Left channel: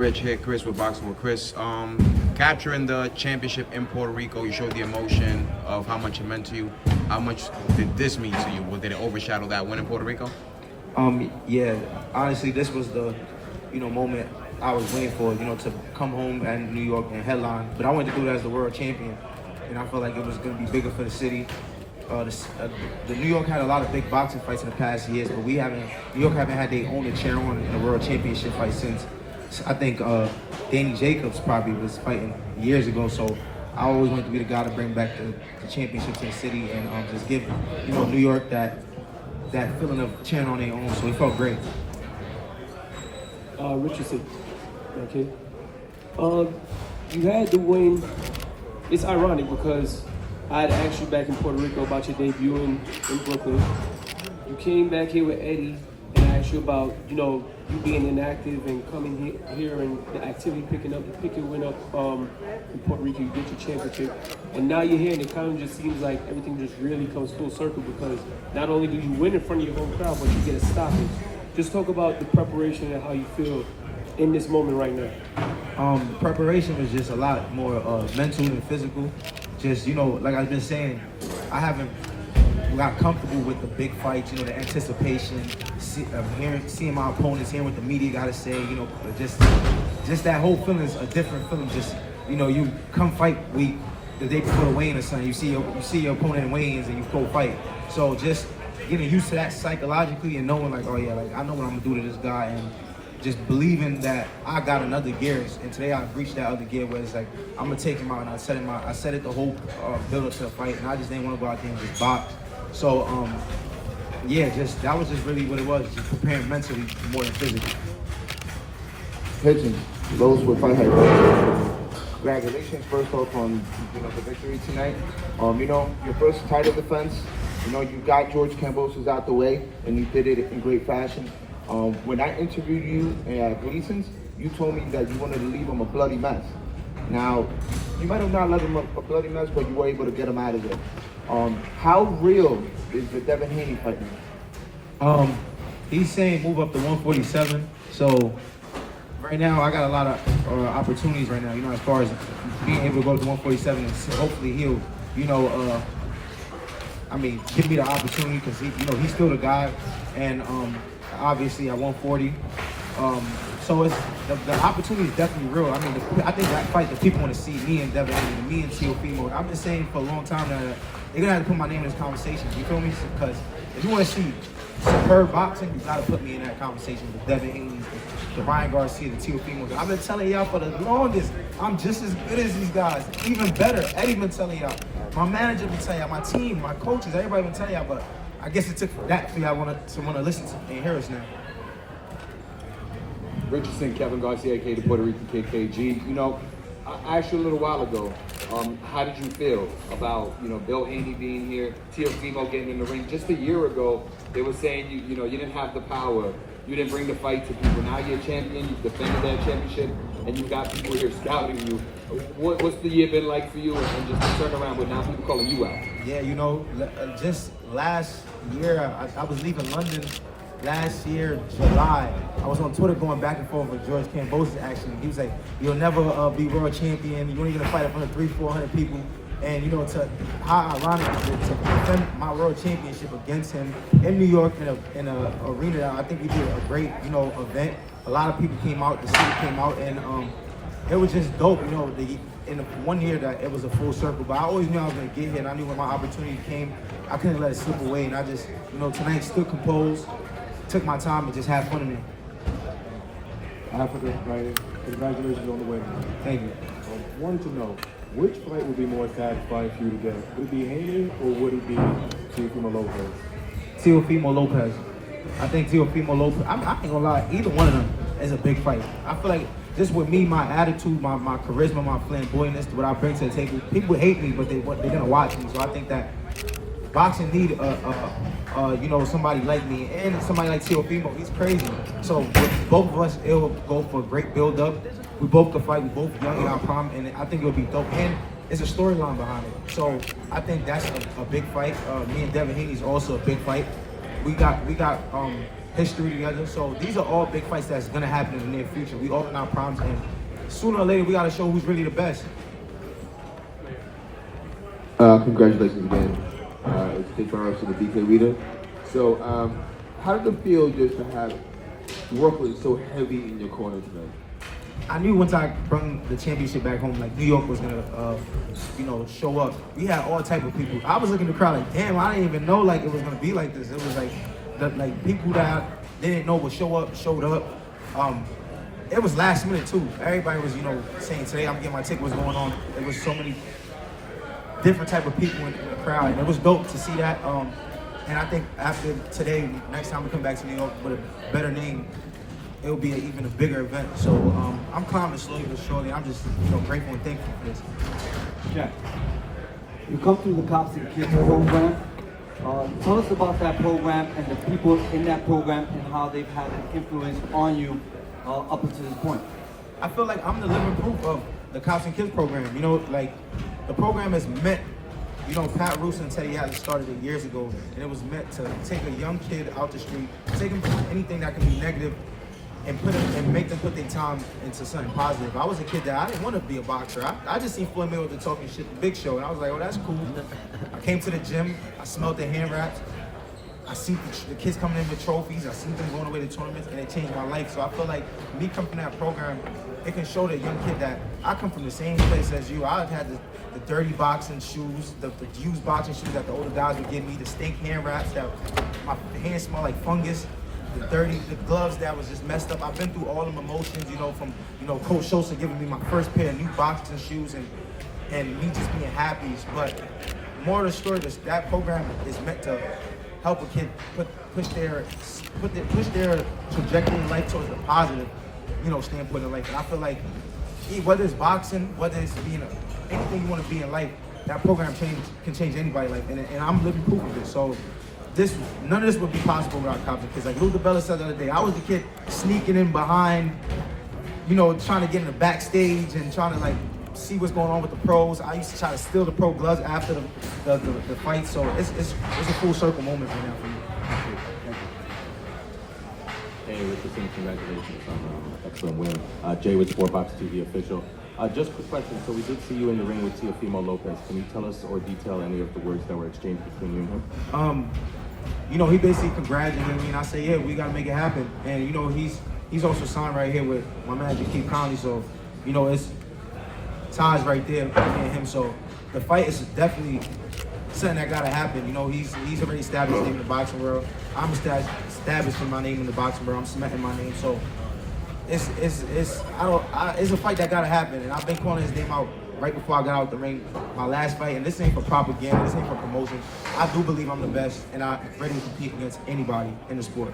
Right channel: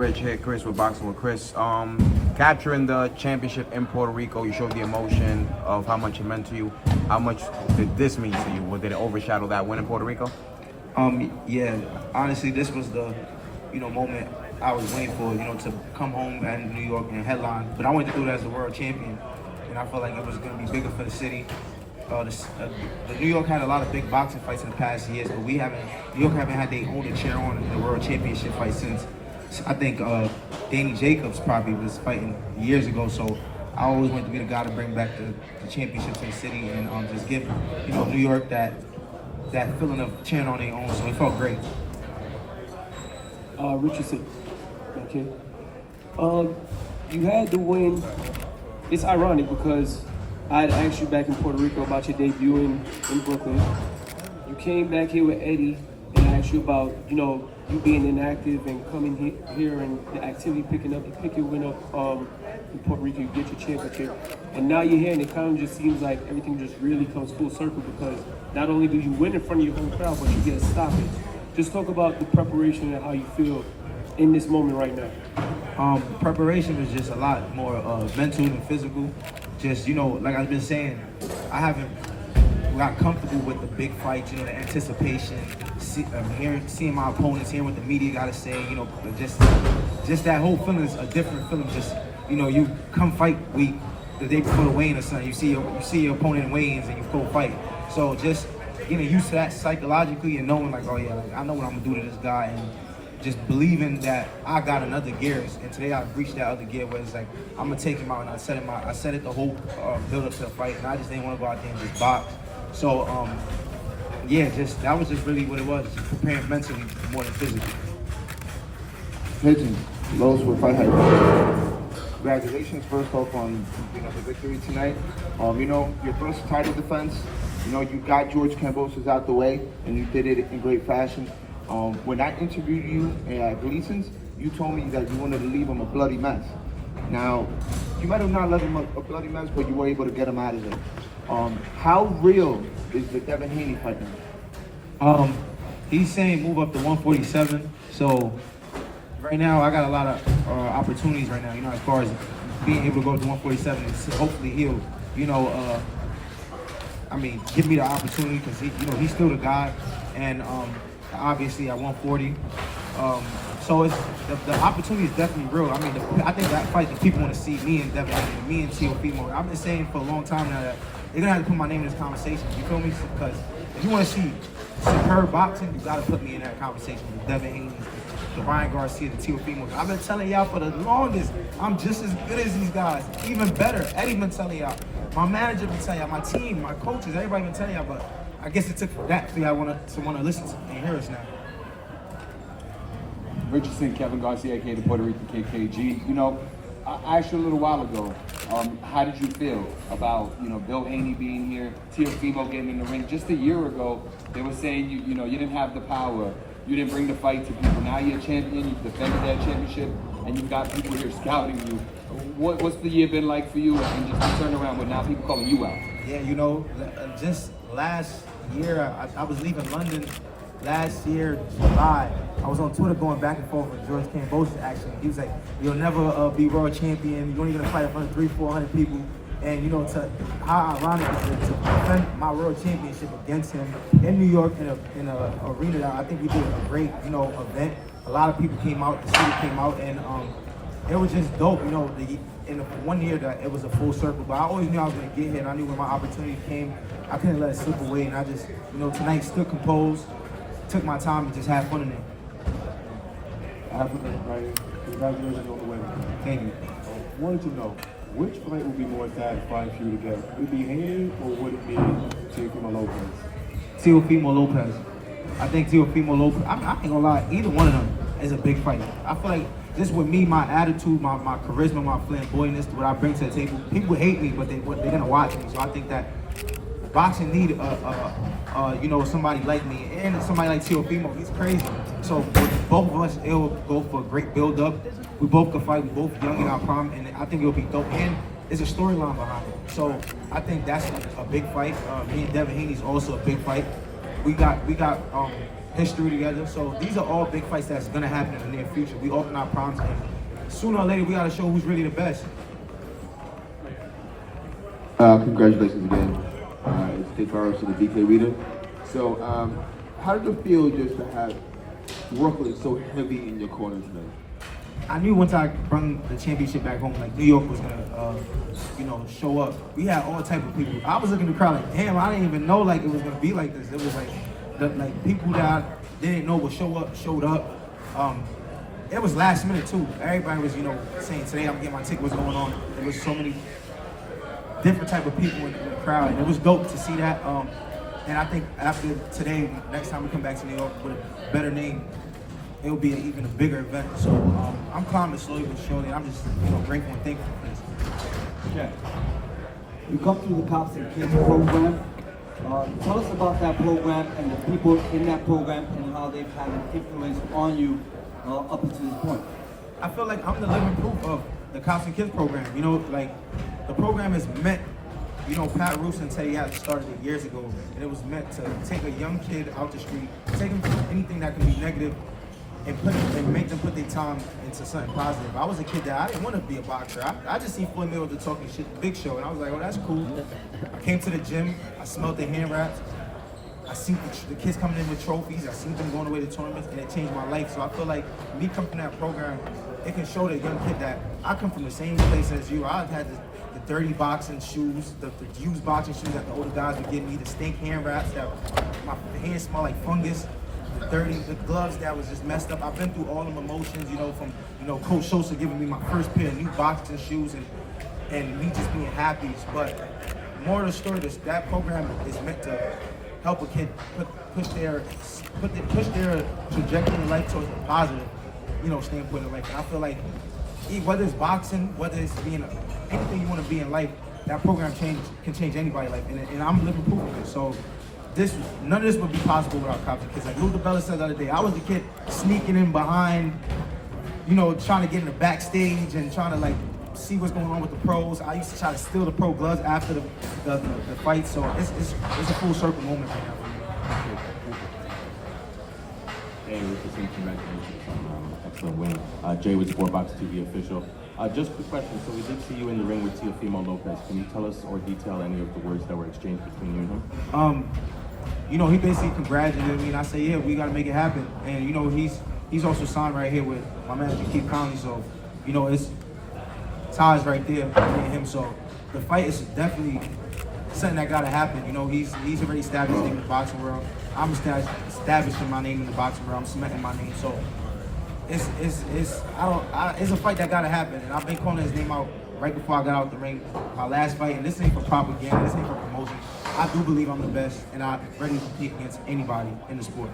Rich here, Chris with Boxing with Chris. Capturing the championship in Puerto Rico, you showed the emotion of how much it meant to you. How much did this mean to you? Or did it overshadow that win in Puerto Rico? Yeah, honestly, this was the, moment I was waiting for, to come home in New York and headline. But I wanted to go there as the world champion, and I felt like it was going to be bigger for the city. The New York had a lot of big boxing fights in the past years, but New York haven't had their own chair on in the world championship fight since, I think Danny Jacobs probably was fighting years ago. So I always wanted to be the guy to bring back the championship to the city and just give New York that feeling of cheering on their own. So it felt great. Richardson, okay. You had the win. It's ironic because I had asked you back in Puerto Rico about your debut in Brooklyn. You came back here with Eddie and asked you about, you being inactive and coming here and the activity picking up, the picking went up in Puerto Rico, you get your championship. And now you're here and it kind of just seems like everything just really comes full circle because not only do you win in front of your home crowd, but you get a stoppage. Just talk about the preparation and how you feel in this moment right now. Preparation is just a lot more mental and physical. Just, like I've been saying, I haven't got comfortable with the big fights, the anticipation, seeing my opponents, hearing what the media got to say, just that whole feeling is a different feeling. Just, you come fight week, the day before the weigh-in or something, you see your opponent in weigh-ins and you go fight. So just, used to that psychologically and knowing like, oh yeah, like I know what I'm gonna do to this guy and just believing that I got another gear. And today I've reached that other gear where it's like, I'm gonna take him out and I set it the whole build up to the fight and I just didn't want to go out there and just box. So, that was just really what it was, just preparing mentally more than physically. Hitchins, those were fight hype. Congratulations first off on the victory tonight. Your first title defense, you got George Kambosis out the way and you did it in great fashion. When I interviewed you at Gleason's, you told me that you wanted to leave him a bloody mess. Now, you might have not left him a bloody mess, but you were able to get him out of there. How real is the Devin Haney fight? He's saying move up to 147. So right now I got a lot of opportunities right now. As far as being able to go to 147, and hopefully he'll, give me the opportunity because he's still the guy, and obviously at 140. So it's the opportunity is definitely real. I think that fight that people want to see me and Devin Haney, me and Teofimo. I've been saying for a long time now that they're gonna have to put my name in this conversation. You feel me? Because if you want to see superb boxing, you gotta put me in that conversation with Devin Haney, the Ryan Garcia, the Teofimo. I've been telling y'all for the longest, I'm just as good as these guys, even better. Eddie been telling y'all, my manager been telling y'all, my team, my coaches, everybody been telling y'all. But I guess it took that for y'all to want to listen to and hear us now. Richardson, Kevin Garcia, aka the Puerto Rican KKG. I asked you a little while ago, how did you feel about, Bill Haney being here, Teofimo getting in the ring? Just a year ago, they were saying, you didn't have the power, you didn't bring the fight to people. Now you're a champion, you've defended that championship, and you got people here scouting you. What's the year been like for you? And just turn around with now people calling you out. Yeah, just last year, I was leaving London. Last year, July, I was on Twitter going back and forth with George Kambosis actually. He was like, you'll never be world champion, you're only gonna fight in front of 300-400 people. And how ironic to defend my world championship against him in New York in a arena that I think we did a great, event. A lot of people came out, the city came out, and it was just dope, in the 1 year that it was a full circle. But I always knew I was gonna get here, and I knew when my opportunity came, I couldn't let it slip away. And I just, tonight stood composed, took my time and just had fun in it. Congratulations on the win. Thank you. I wanted to know, which fight would be more satisfying for you to get? Would it be Haney or would it be Teofimo Lopez? Teofimo Lopez. I think Teofimo Lopez, I ain't gonna lie, either one of them is a big fight. I feel like just with me, my attitude, my charisma, my flamboyantness, what I bring to the table, people hate me, but they're gonna watch me. So I think that boxing need somebody like me and somebody like Teofimo. He's crazy. So with both of us, it'll go for a great build up. We both could fight. We both young in our prime, and I think it'll be dope. And there's a storyline behind it. So I think that's a big fight. Me and Devin Haney's also a big fight. We got history together. So these are all big fights that's gonna happen in the near future. We all in our primes, and sooner or later we gotta show who's really the best. Congratulations again. It's kickballers to the BK Reader. So, how did it feel just to have workload so heavy in your corner today? I knew once I brought the championship back home, like New York was gonna, show up. We had all type of people. I was looking at the crowd like, damn, I didn't even know like it was gonna be like this. It was like, people that I didn't know would show up, showed up. It was last minute too. Everybody was, saying today I'm getting my ticket. What's going on? There was so many different type of people in the crowd, and it was dope to see that. And I think after today, next time we come back to New York with a better name, it will be even a bigger event. So I'm climbing slowly but surely. I'm just grateful and thankful for this. Okay. You come through the Cops and Kids program. Tell us about that program and the people in that program and how they've had an influence on you up until this point. I feel like I'm the living proof of the Cops and Kids program. The program is meant, Pat Roos and Teddy had started it years ago, and it was meant to take a young kid out the street, take them from anything that can be negative, and make them put their time into something positive. I was a kid that I didn't want to be a boxer. I just seen Floyd Mayweather talking shit to Big Show, and I was like, oh, that's cool. I came to the gym, I smelled the hand wraps, I seen the kids coming in with trophies, I seen them going away to tournaments, and it changed my life. So I feel like me coming from that program, it can show the young kid that I come from the same place as you. I had the dirty boxing shoes, the used boxing shoes that the older guys would give me, the stink hand wraps that my hands smell like fungus, the gloves that was just messed up. I've been through all them emotions, from Coach Sosa giving me my first pair of new boxing shoes and me just being happy. But more of the story, that program is meant to help a kid push their trajectory in life towards a positive, standpoint in life. And I feel like whether it's boxing, whether it's being anything you want to be in life, that program can change anybody's life, and I'm living proof of it. So none of this would be possible without Cops and Kids. Like Luther Bella said the other day, I was the kid sneaking in behind, trying to get in the backstage and trying to see what's going on with the pros. I used to try to steal the pro gloves after the fight. So it's a full circle moment right now for me. Hey, Richardson, congratulations on the excellent win. Jay with Sportbox TV official. Just a quick question. So we did see you in the ring with Teofimo Lopez. Can you tell us or detail any of the words that were exchanged between you and him? He basically congratulated me, and I said, yeah, we got to make it happen. And, he's also signed right here with my manager, Keith Conley. So, it's ties right there, me and him. So the fight is definitely something that got to happen. He's already established his name in the boxing world. I'm establishing my name in the boxing world. I'm cementing my name. So it's a fight that got to happen. And I've been calling his name out right before I got out the ring, my last fight. And this ain't for propaganda. This ain't for promotion. I do believe I'm the best, and I'm ready to compete against anybody in the sport.